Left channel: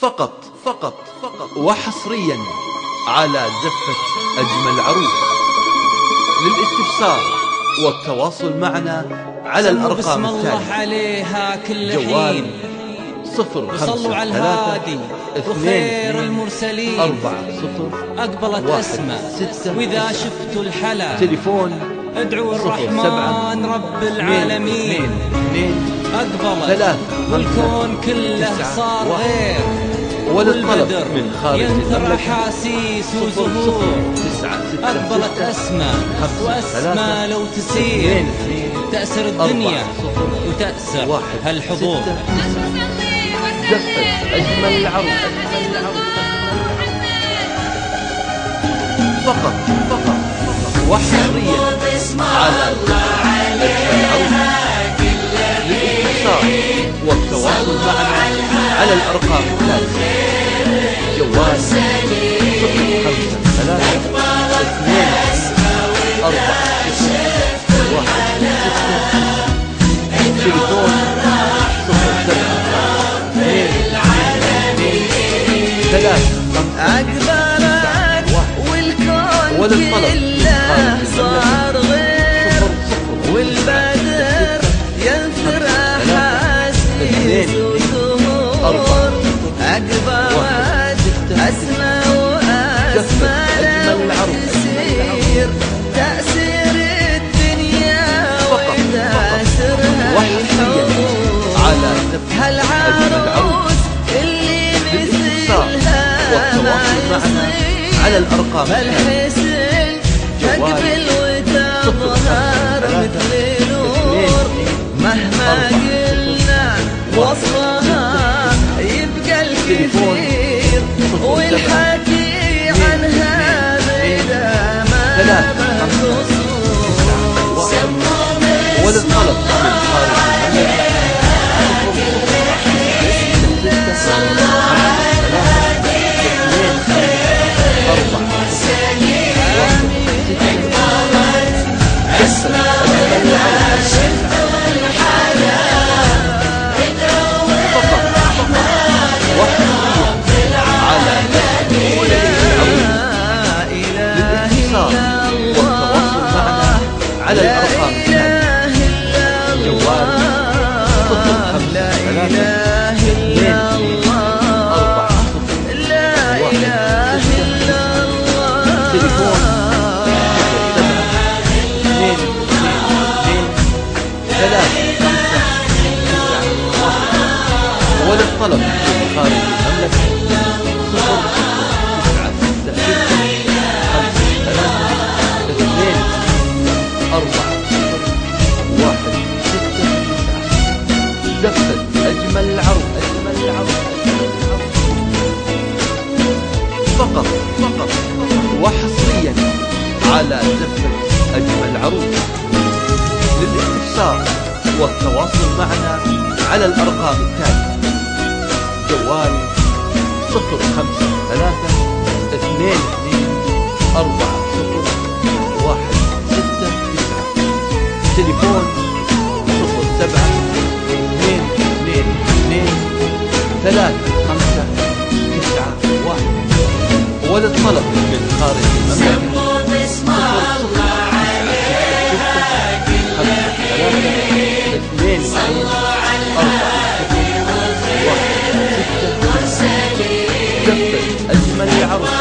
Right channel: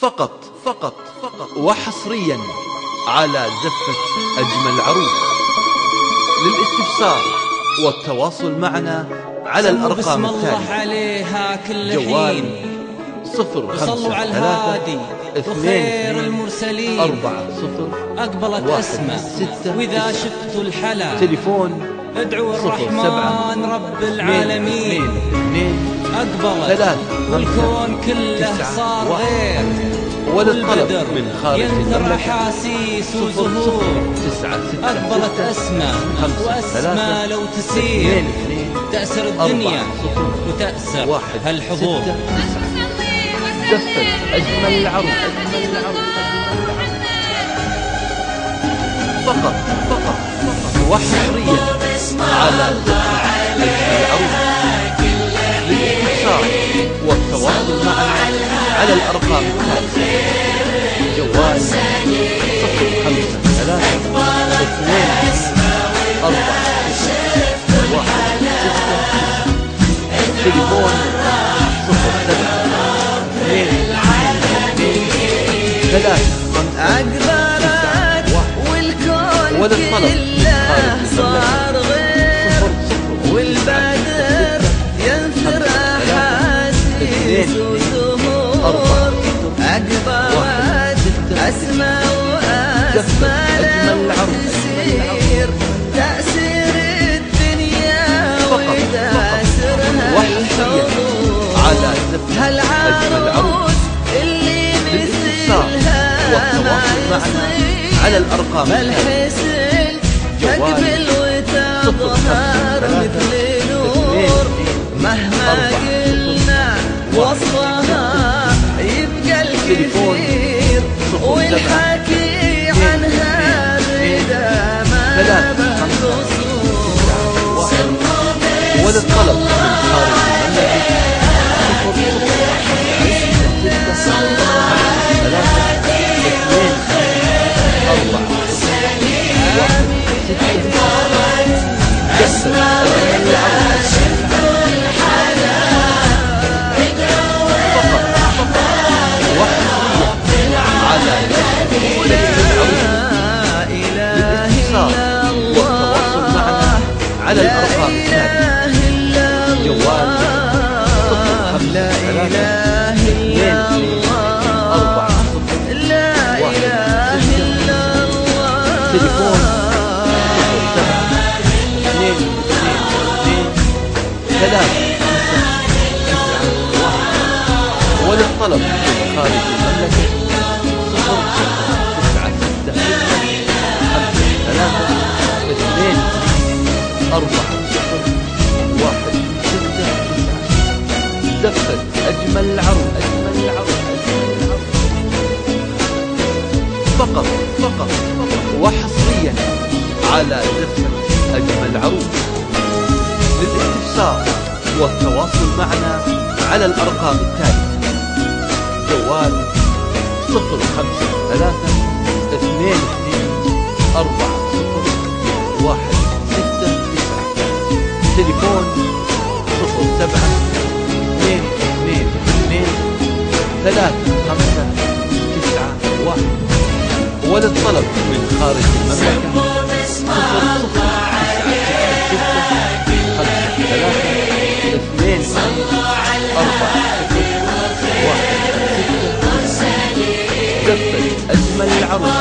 فقط وحصريا على زفة أجمل عروس. للاستفسار والتواصل معنا على الأرقام التالية: عليها كل جوال 053 على الهادي وخير المرسلين 40 أقبلت أسماء. وإذا شفتوا الحلا تليفون ادعوا الرحمن رب العالمين. 2 أقبلت والكون كله صار غير، والطلب من خارج ينثر أحاسيس وزهور. 9 أقبلت أسماء وأسماء لو تسير تأسر الدنيا وتأسر هالحضور. زفة أجمل العروس. فقط وحصريا على زفة أجمل العروس. للاستفسار والتواصل معنا على الأرقام التالية: جوال 053 22 40 169. تليفون 07 222 أقبلت والكون كله صار غير، والبدر ينثر أحاسيس وزهور. أقبلت أسماء وأسماء لو تسير تأسير الدنيا وتأسرها الحضور. هالعروس اللي مثلها ما يصير على الأرقام بالحسن تقبل وتظهر مثل نور. مهما قلنا وصفها يبقى الكثير، والحكي عنها بدا ما به قصور. وللطلب من خارج المملكة 0096 53 22 40 169. زفة أجمل العروس. فقط وحصريا على زفة أجمل العروس. للاتصال والتواصل معنا على الأرقام التالية: جوال 053 22 40 169. تليفون 07 222 35 91. وللطلب من خارج المملكة 00 966 53 22 40 169. زفة أجمل العروس. فقط وحصريا على زفة أجمل العروس. للاستفسار والتواصل معنا على الأرقام التالية: جوال 053 22 40 169. تليفون 07 222 35 91. وللطلب من خارج المملكة 00 966 53 22 40 169. زفة أجمل العروس.